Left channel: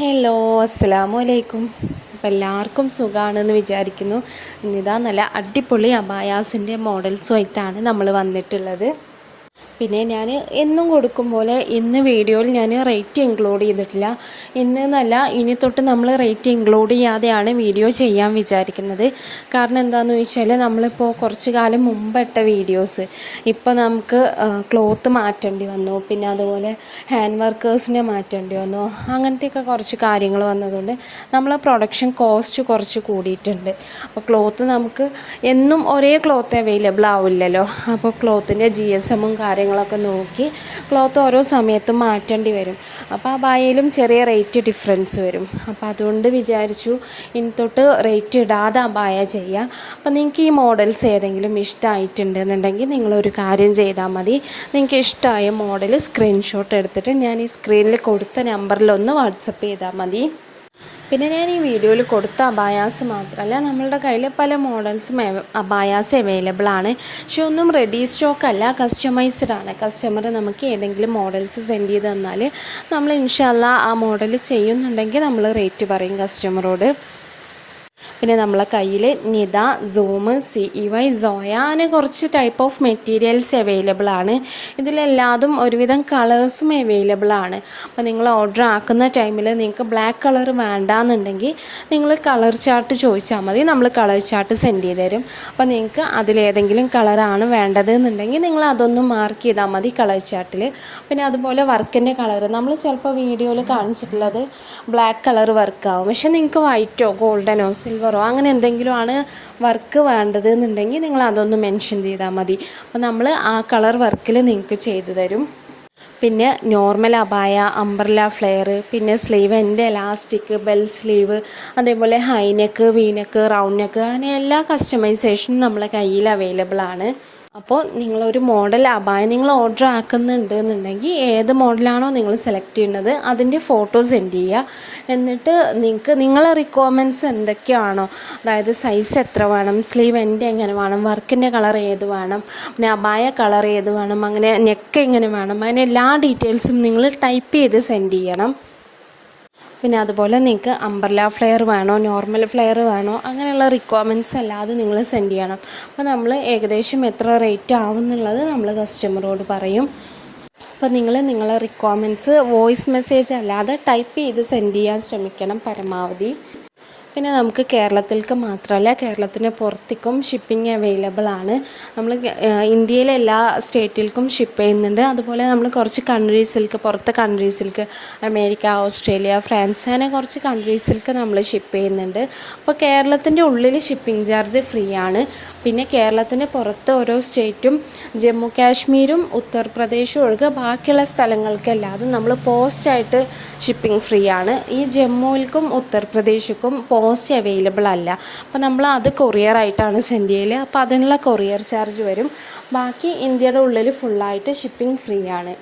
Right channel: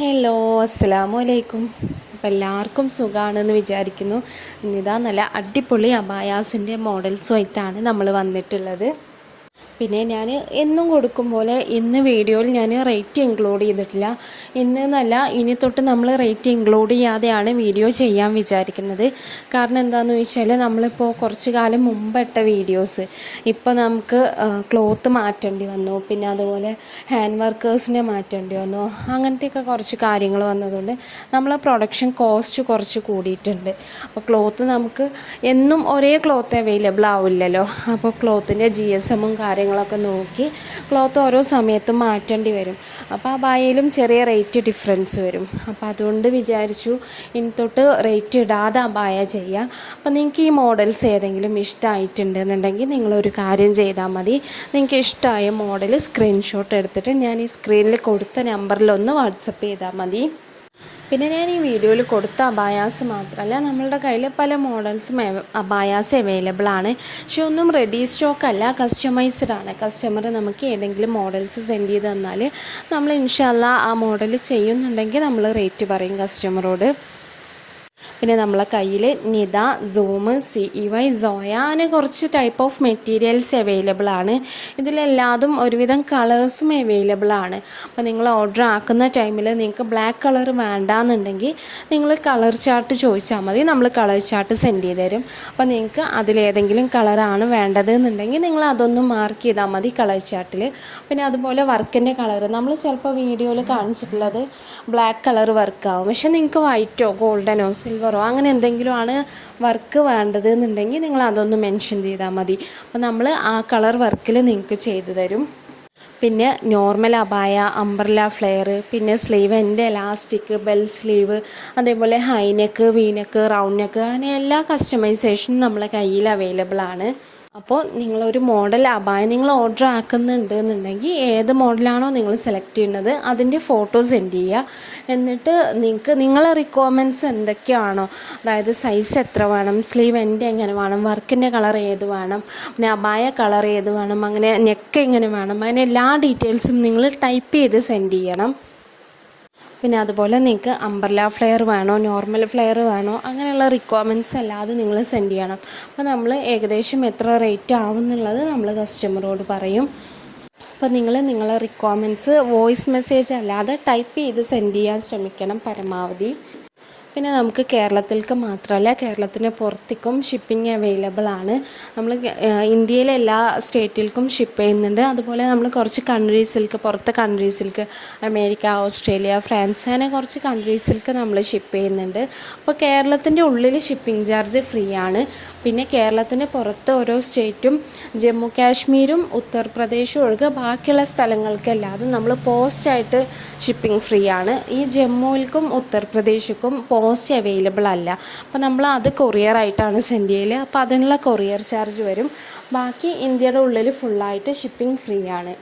Hello, അസ്സലാമു അലൈക്കും. അപ്പോൾ എല്ലാവർക്കും സുഖമാണെന്ന് വിചാരിക്കുന്നു. ഇന്നിതാ നല്ല അടിപൊളി അബായാസിൻ്റെ മോഡൽസുമായിട്ടാണ് നമ്മൾ വന്നിട്ടുള്ളത്. പിന്നെ ഞാൻ എന്നും കൊടുക്കും പോലെ ഇന്ന് വീഡിയോയിൽ ഞാൻ റേറ്റ് ഇൻക്ലൂഡ് ചെയ്തിട്ടില്ല. ഇന്ന് എന്നല്ല, ഇനി തൊട്ട് നമ്മൾ റേറ്റ് ഇൻക്ലൂഡ് ചെയ്യാതെയാണ് വീഡിയോ ചെയ്യാൻ വിചാരിക്കുന്നത്. കാരണം എന്താണെന്ന് ചോദിച്ചാൽ, നമ്മളിപ്പോൾ കുറച്ച് കാലം മുമ്പ് ഇട്ട വീഡിയോസ് ഇപ്പോൾ നമുക്ക് ക്ലോത്ത് മാറ്റേണ്ടി വന്നു, പിന്നെ അതുപോലെ ഹാൻഡ് വർക്കേഴ്സിനെ മാറ്റേണ്ടി വന്നു, അങ്ങനത്തെയൊക്കെ കുറച്ച് കാര്യങ്ങൾ വന്നതുകൊണ്ട് നമ്മൾ പ്രൊഡക്ഷൻ കോസ്റ്റ് കുറച്ച് കൂടിയിട്ടുണ്ട്. അപ്പോൾ ക്ലോത്ത് നമുക്ക് എന്നും ഒരേ ക്ലോത്ത് അവൈലബിൾ ആവില്ലല്ലോ. അപ്പോൾ ക്ലോത്തിൻ്റെ GSM കാര്യങ്ങളൊക്കെ നോക്കി ക്ലോത്ത് ഓരോ സമയത്തും മാറ്റേണ്ടി വരും. അപ്പോൾ ആ ബായയിലും ചെറിയ റേറ്റ് ഡിഫറൻസ് വരും. അപ്പോൾ അതുകൊണ്ട് വിചാരിച്ചു ഇനി തൊട്ട് റേറ്റ് ഇടാതെ ആ ബായ ചെയ്യാം. അപ്പോൾ നിങ്ങൾക്ക് ഈ മോഡൽസ് ഏതെങ്കിലും ഇഷ്ടമായിട്ടുണ്ടെന്നുണ്ടെങ്കിൽ നിങ്ങളൊരു കാര്യം ചെയ്താൽ മതി. നിങ്ങൾക്ക് ഇഷ്ടമായ മോഡൽ സ്ക്രീൻഷോട്ട് എടുത്തിട്ട് ഞാൻ ഈ സ്ക്രീനിൽ കൊടുത്ത നമ്പറിലൊന്ന് വാട്സപ്പ് ചെയ്താൽ മതി. പിന്നെ ഞാൻ ഈ വീഡിയോയിൽ കൊടുത്ത അബായാസ് മാത്രമല്ല, നമ്മളുടെ കയ്യിൽ പല മോഡൽസും അബായാസ് അവൈലബിൾ ആണ്. പക്ഷെ ഒന്നും റെഡി സ്റ്റോക്ക് അല്ല, കസ്റ്റമൈസ്ഡ് ആണ്. കസ്റ്റമർ നമുക്ക് ഏതെങ്കിലും മോഡൽസ് സെൻഡ് ചെയ്ത് തന്നാൽ നമ്മൾ ഇൻഷാല്ലാ ആ മോഡൽ ചെയ്യുന്നുണ്ടെങ്കിൽ നമ്മൾ റേറ്റ് പറയും കസ്റ്റമറോട്. പിന്നെ നമ്മളെ കയ്യിൽ നിത, സൂം, CEY, സോയ അങ്ങനെ കുറച്ച് ടൈപ്പ് ഓഫ് മെറ്റീരിയൽസ് അവൈലബിൾ ആണ്. ഇതിലെല്ലാതും ഒരുവിധം കളേഴ്സും അവൈലബിൾ ആണ്. അപ്പോൾ നിങ്ങൾ ഓർഡർ ആക്കുന്ന ടൈമിൽ നിങ്ങൾക്ക് ബ്ലാക്ക് കളർ വേണ്ടാന്നുണ്ടെങ്കിൽ നിങ്ങൾ കളർ ചാർട്ട് ചോദിച്ചാൽ മതി, നമ്മൾ കളർ ചാർട്ട് സെൻഡ് ചെയ്ത് തരും. അപ്പോൾ നിങ്ങൾക്ക് അതിലേതെങ്കിലും കളറാണ് വേണ്ടത് എന്നുണ്ടെങ്കിൽ നിങ്ങൾ അതൊന്ന് മാർക്ക് ചെയ്താൽ മതി കളർ ചാർട്ടിൽ. പിന്നെ അതുപോലെ വർക്കിൻ്റെ കളർ നമ്മൾ ചിലപ്പോൾ വീഡിയോയിൽ കാണിച്ചിട്ടുള്ളത് ബ്ലാക്ക് കളർ വർക്കാവും, പക്ഷെ നിങ്ങൾക്ക് വൈറ്റോ ഗോൾഡനോ സിൽവറോ അങ്ങനെ എന്തെങ്കിലും ആണ് വർക്ക് വേണ്ടത് എന്നുണ്ടെങ്കിൽ നിങ്ങൾ അതൊന്ന് മെൻഷൻ ചെയ്താൽ മതി. അപ്പോൾ നമ്മൾ ആ കളർ വർക്കിൽ നിങ്ങൾക്ക് ചെയ്തു തരും. പിന്നെ നോർമൽ അബായ, അംബ്രല ഫ്ലെയർ, പിന്നെ സ്ലീവ് എൻ്റെ എലാസ്റ്റിക്, ബെൽ സ്ലീവ്, അതേപോലെ ഹൈനെക്ക്, വീനെക്ക്, റൗണ്ട് നെക്ക്, അങ്ങനെ എല്ലാ കസ്റ്റമൈസേഷനും നമ്മളെ കയ്യിൽ അവൈലബിൾ ആണ്. അപ്പോൾ നിങ്ങളൊരു മോഡൽ അബായ നിങ്ങൾ ഓർഡർ ആക്കുന്നുണ്ട് എന്നുണ്ടെങ്കിൽ ഏത് മോഡലാണോ നിങ്ങൾ സെലക്ട് ചെയ്യുന്നത് അതിൻ്റെ ഫോട്ടോ സെൻഡ് ചെയ്യുക. എന്നിട്ട് നിങ്ങൾക്ക് നിങ്ങളെ റിക്വയർമെൻറ്റ്സ് എന്തൊക്കെയാണോ, അതായത് സൈസ് എത്ര വേണം, സ്ലീവ് എൻ്റെ എങ്ങനെ വേണം, വർക്കിൻ്റെ കളർ ഏത് വേണം, പിന്നെ അബായ കളർ ഏത് വേണം, അങ്ങനെ നെക്ക് എങ്ങനെ വേണം, അങ്ങനെ എല്ലാ ഡീറ്റെയിൽസും നിങ്ങൾ ടൈപ്പ് ചെയ്ത് സെൻഡ് ചെയ്യണം. പിന്നെ അതുപോലെ നിങ്ങൾക്ക് അംബ്രല ഫ്ലെയർ വേണോ, നോർമൽ ഫ്ലെയർ വേണോ, അങ്ങനെയുള്ള റിക്വയർമെൻറ്റ്സ് അല്ലാതെ നിങ്ങൾ സെൻഡ് ചെയ്യണം. അപ്പോൾ നമ്മൾ ഏകദേശം എത്ര റേറ്റ് ആവും എന്നുള്ളത് നമ്മൾ കസ്റ്റമറോട് പറയും. അപ്പോൾ നിങ്ങളെ റിക്വയർമെൻറ്റ്സ് വോയിസ് മെസ്സേജ് അല്ലാതെ ടൈപ്പ് ചെയ്ത് സെൻഡ് ചെയ്യാൻ ശ്രമിക്കണം പരമാവധി. പിന്നെ നമുക്ക് കേരളത്തിലേക്ക് മാത്രമല്ല, കേരളത്തിന് പുറത്തേക്കും ഷിപ്പിംഗ് അവൈലബിൾ ആണ്. നമ്മൾ ഇന്ത്യയിലെ എല്ലാ സ്റ്റേറ്റിലേക്കും ഷിപ്പ് ചെയ്യുന്നുണ്ട്. അതുപോലെ നമ്മൾ കുറച്ച് കൺട്രീസിലേക്ക്, പുറത്തെ കൺട്രീസിലേക്ക്, അമേരിക്ക, ഓസ്ട്രേലിയ, ഫ്രാൻസ്, അങ്ങനെ കുറച്ച് കൺട്രീസിലേക്ക് നമ്മൾ ഷിപ്പ് ചെയ്യുന്നുണ്ട്. അപ്പോൾ കേരളത്തിൻ്റെ ഉള്ളിൽ ഷിപ്പിംഗ് ചാർജ് ഫ്രീ ആണ്. പിന്നെ കേരളത്തിന് പുറത്ത് ഓരോ സ്റ്റേറ്റും, ജമ്മു കാശ്മീരും ഉത്തർപ്രദേശും ഒഴികെ ബാക്കിയുള്ള സ്ഥലങ്ങൾക്കെല്ലാതും നമ്മൾ പോസ്റ്റായിട്ട് ഷിപ്പിംഗ് ഫ്രീ ആണ്. ഈ ജമ്മുവിൽക്കും ഉത്തർപ്രദേശിക്കും പോസ്റ്റ് അവൈലബിൾ അല്ല. അപ്പോൾ നമ്മൾ അത് കൊറിയറായിട്ടാണ് സെൻഡ് ചെയ്യൽ. അപ്പോൾ അതിനുള്ള കൊറിയർ ചാർജ് വരും. ബാക്കി ഇന്ത്യയുടെ ഉള്ളിൽ ഫുള്ളായിട്ട് ഷിപ്പിംഗ് ഫ്രീ ആണ്.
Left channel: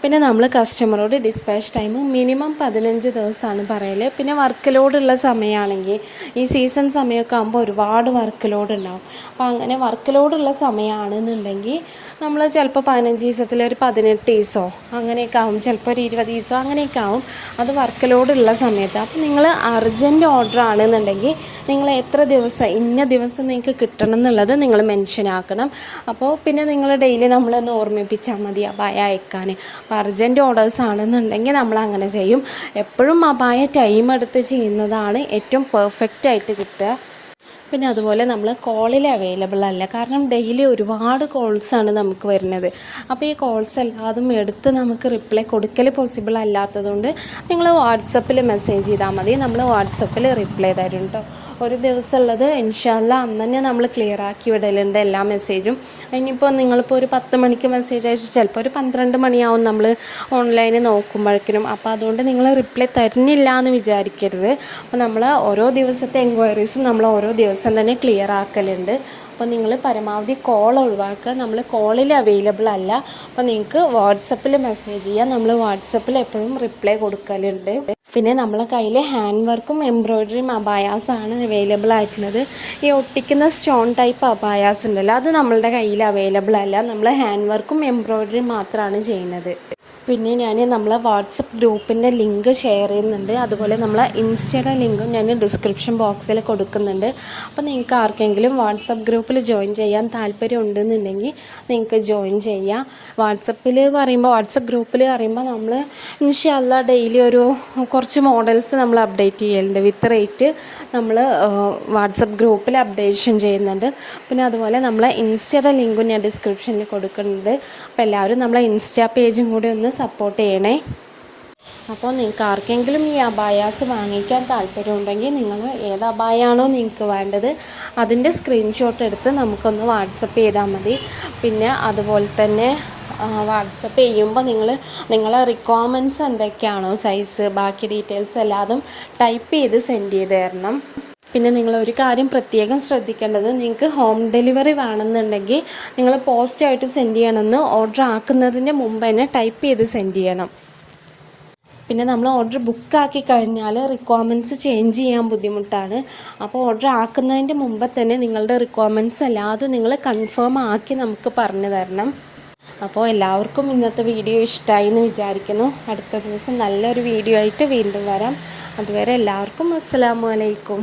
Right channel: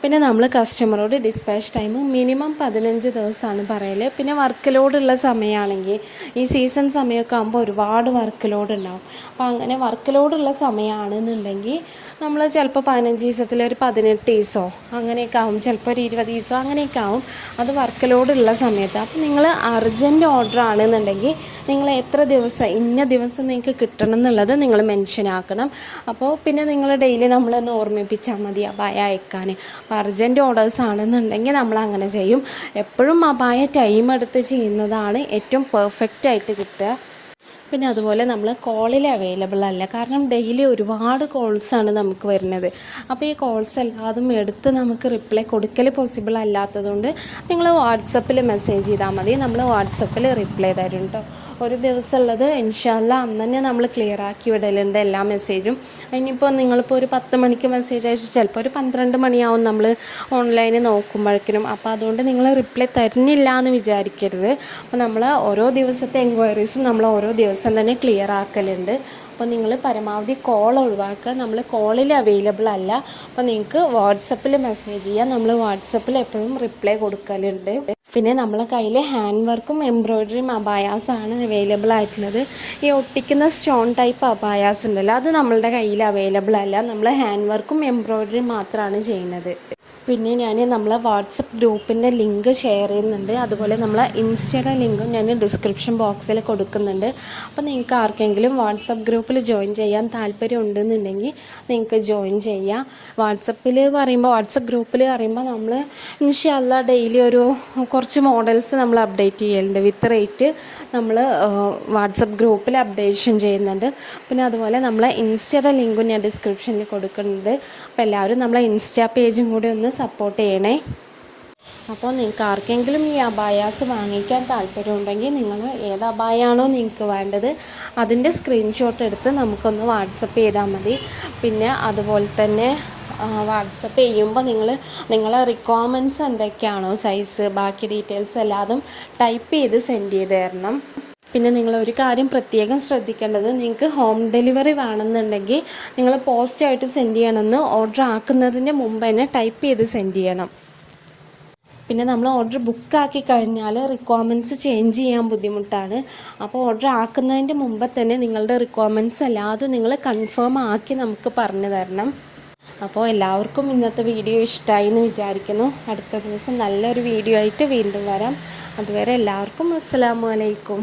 പിന്നെ നമ്മൾ കസ്റ്റമറോട് ഡിസ്പാച്ച് ടൈം മിനിമം 15 ദിവസമാണ് പറയൽ. പിന്നെ വർക്ക് ലോഡുള്ള സമയമാണെങ്കിൽ ഈ സീസൺ സമയമൊക്കെ ആകുമ്പോൾ ഒരുപാട് വർക്ക് ലോഡ് ഉണ്ടാകും. അപ്പോൾ അങ്ങനെ വർക്ക് ലോഡുള്ള സമയമാണെന്നുണ്ടെങ്കിൽ നമ്മൾ ചിലപ്പോൾ 15 ദിവസത്തിൽ ഒരു 18 ദിവസമോ അങ്ങനെയൊക്കെ ആവും, ചിലപ്പോൾ ഒരു 20 ദിവസമോ അങ്ങനെയൊക്കെ ആവും. അത് വർക്ക് ലോഡുള്ള സമയത്ത്. അപ്പോൾ നിങ്ങൾ അർജൻറ്റ് ഓർഡർ ആണെന്നുണ്ടെങ്കിൽ നിങ്ങൾ എത്ര ദിവസം, ഇന്ന ദിവസം നിങ്ങൾക്ക് കിട്ടണം എന്നുള്ളത് നിങ്ങൾ മെൻഷൻ ആക്കണം. അപ്പോൾ പിന്നെ നിങ്ങൾ ഡെയിലി നമ്മളൊന്ന് ഓർമ്മിപ്പിച്ചാൽ മതി അബായ അയക്കാൻ. അപ്പോൾ അർജൻറ്റ് ഓർഡേഴ്സ് ആണെന്നുണ്ടെങ്കിൽ നമ്മൾ അങ്ങനെ ചെയ്യും. എപ്പോഴും അബായ ടൈം എടുത്ത് ചെയ്യുന്നതാണ് ഏറ്റവും പെർഫെക്റ്റ് ആയിട്ട് കിട്ടുക. പിന്നെ അതുപോലെ നമ്മൾ കോളിൽ അവൈലബിൾ അല്ല, കാരണം ഡെയിലി ഒരുപാട് കോൾസാണ് നമുക്ക് വരുന്നത്. അപ്പോൾ ഈ കോൾസ് എല്ലാതും എടുത്ത് നമുക്ക് റിപ്ലൈ കൊടുക്കൽ പോസിബിൾ അല്ലാത്തതുകൊണ്ട് നിങ്ങൾ വാട്സപ്പിൽ മെസ്സേജ് ചെയ്താൽ മതി, നമ്മൾ വാട്സപ്പിൽ റിപ്ലൈ തരും കേട്ടോ. ഒരു ദിവസം ഉള്ളത് ഇൻഷാല്ലാ അന്ന് തന്നെ നമ്മൾ ക്ലിയർ ആക്കി വിടലുണ്ട് എല്ലാ മെസ്സേജും. ഇനിയിപ്പോൾ നിങ്ങളിപ്പോൾ ഒരു 10 മണിക്ക് മെസ്സേജ് അയച്ചു, ചിലപ്പോൾ ഒരു 12 മണിയാവും നമ്മൾ ഓൺലൈനിൽ നോക്കുമ്പോഴേക്കും. അപ്പോൾ അതുകൊണ്ട് നിങ്ങൾ റിപ്ലൈ തരുന്നില്ല എന്ന് വിചാരിക്കരുത്. അപ്പോൾ നമ്മൾ ഓരോ ദിവസത്തെ എൻക്വയറീസും നമ്മൾ ഓരോ ദിവസം തന്നെ ക്ലിയർ ആക്കലുണ്ട്. അപ്പോൾ നിങ്ങൾ പരമാവധി കോൾ ഒഴിവാക്കുക, നമ്മൾ കോളിൽ അവൈലബിൾ അല്ല. അപ്പോൾ നിങ്ങൾക്ക് വാട്സപ്പിൽ മെസ്സേജ് ചെയ്യാം, നമ്മൾ വാട്സപ്പിൽ എപ്പോഴും റിപ്ലൈ കൊടുക്കലുണ്ട്. പിന്നെ നമ്മളെ കയ്യിൽ ഹാൻഡ് വർക്കും എംബ്രോയ്ഡറിയും അബായാസാണ് അവൈലബിൾ ആയിട്ടുള്ളത്. ഈ ഒട്ടിക്കുന്ന സ്റ്റോൺ ടൈപ്പ് അബായാസ് ഉണ്ടല്ലോ, അത് നമ്മളുടെ കയ്യിൽ അവൈലബിൾ അല്ല. നമ്മൾ ഹാൻഡ് വർക്കും എംബ്രോയ്ഡറിയും മാത്രമാണ് ചെയ്യുന്നത്. പിന്നെ ഞാൻ നമ്മളെ വാട്സപ്പ് ഗ്രൂപ്പിൻ്റെ ലിങ്ക് ഷെയർ ചെയ്യുന്നുണ്ട്. അതുപോലെ നമ്മളെ ഇൻസ്റ്റയുടെ ലിങ്കും ഞാൻ ഡിസ്ക്രിപ്ഷൻ ബോക്സിൽ കൊടുക്കുന്നുണ്ട്. അപ്പോൾ നിങ്ങൾക്ക് ആർക്കെങ്കിലും വാട്സപ്പ് ഗ്രൂപ്പിൽ ജോയിൻ ചെയ്യാൻ താല്പര്യം ഉണ്ടെന്നുണ്ടെങ്കിൽ നിങ്ങൾക്ക് ജോയിൻ ചെയ്യാം. വാട്സപ്പ് ഗ്രൂപ്പിൽ പറയുമ്പോൾ നമ്മൾ ഇൻഷാ അല്ലാഹ് ഡെയിലി ഒരു കുറച്ച് മോഡൽസ് നമ്മൾ അപ്ഡേറ്റ് ചെയ്യലുണ്ട്. വിത്ത് റേറ്റ് നമ്മൾ വാട്സപ്പ് ഗ്രൂപ്പിൽ അപ്ഡേഷൻ ചെയ്യുന്നുണ്ട്. പിന്നെ അതുപോലെ നമ്മളെ ഇൻസ്റ്റയുടെ ലിങ്കും ഞാൻ ഡിസ്ക്രിപ്ഷനിൽ കൊടുക്കുന്നുണ്ട്. അപ്പോൾ എല്ലാവരും നമ്മളെ ഇൻസ്റ്റാ പേജും കൂടി ഒന്ന് സപ്പോർട്ട് ചെയ്യണേ. അപ്പോൾ നിങ്ങൾക്ക് ആർക്കെങ്കിലും ഈ അബായാസ് വാങ്ങിക്കാൻ താല്പര്യമുണ്ടെങ്കിൽ നിങ്ങൾ ഏത് അബായാണോ നിങ്ങൾക്ക് വേണ്ടത് അതിൻ്റെ സ്ക്രീൻഷോട്ട് എടുത്ത് നമുക്കൊന്ന് വാട്സപ്പ് ചെയ്താൽ മതി. പിന്നെ അതുപോലെ തന്നെ വാട്സപ്പ് ചെയ്യുമ്പോൾ നിങ്ങളെ റിക്വയർമെൻറ്റ്സ് എന്തൊക്കെയാണോ സൈസ് ബാക്കി ഡീറ്റെയിൽസ് എല്ലാതും ടൈപ്പ് ചെയ്ത് സെൻഡ് ചെയ്ത് തരണം. പിന്നെ നിങ്ങളൊരു കാര്യം പ്രത്യേകം ശ്രദ്ധിക്കേണ്ടത്, നിങ്ങൾക്ക് ഹോം ഡെലിവറി വേണമെന്നുണ്ടെങ്കിൽ നിങ്ങൾ പോസ്റ്റായിട്ട് സെൻഡ് ചെയ്യണമെന്ന് ഓർഡർ ആക്കുന്നതിൻ്റെ മുമ്പ് തന്നെ ടൈപ്പ് ചെയ്ത് സെൻഡ് ചെയ്യണം. പിന്നെ നമ്മൾ ഓർഡർ ബുക്കാക്കി കഴിഞ്ഞാൽ റിക്വയർമെൻറ്റ്സ് ചേഞ്ച് ചെയ്യാൻ ബുദ്ധിമുട്ടാണ്. അപ്പോൾ ഓർഡർ ആക്കുന്നതിൻ്റെ മുമ്പ് തന്നെ നിങ്ങളുടെ റിക്വയർമെൻറ്റ്സ് എല്ലാതും നിങ്ങൾ കൺഫേം ആക്കി നമുക്ക് പറഞ്ഞു തരണം. അപ്പോൾ എല്ലാവർക്കും ഇന്നത്തെ വീഡിയോ ഇഷ്ടമായി എന്ന് വിചാരിക്കുന്നു. അടുത്ത ദിവസം നല്ലൊരു വീഡിയോ ആയിട്ട് വീണ്ടും വരാം. അതുവരെ എല്ലാവർക്കും അസ്സലാമു അലൈക്കും.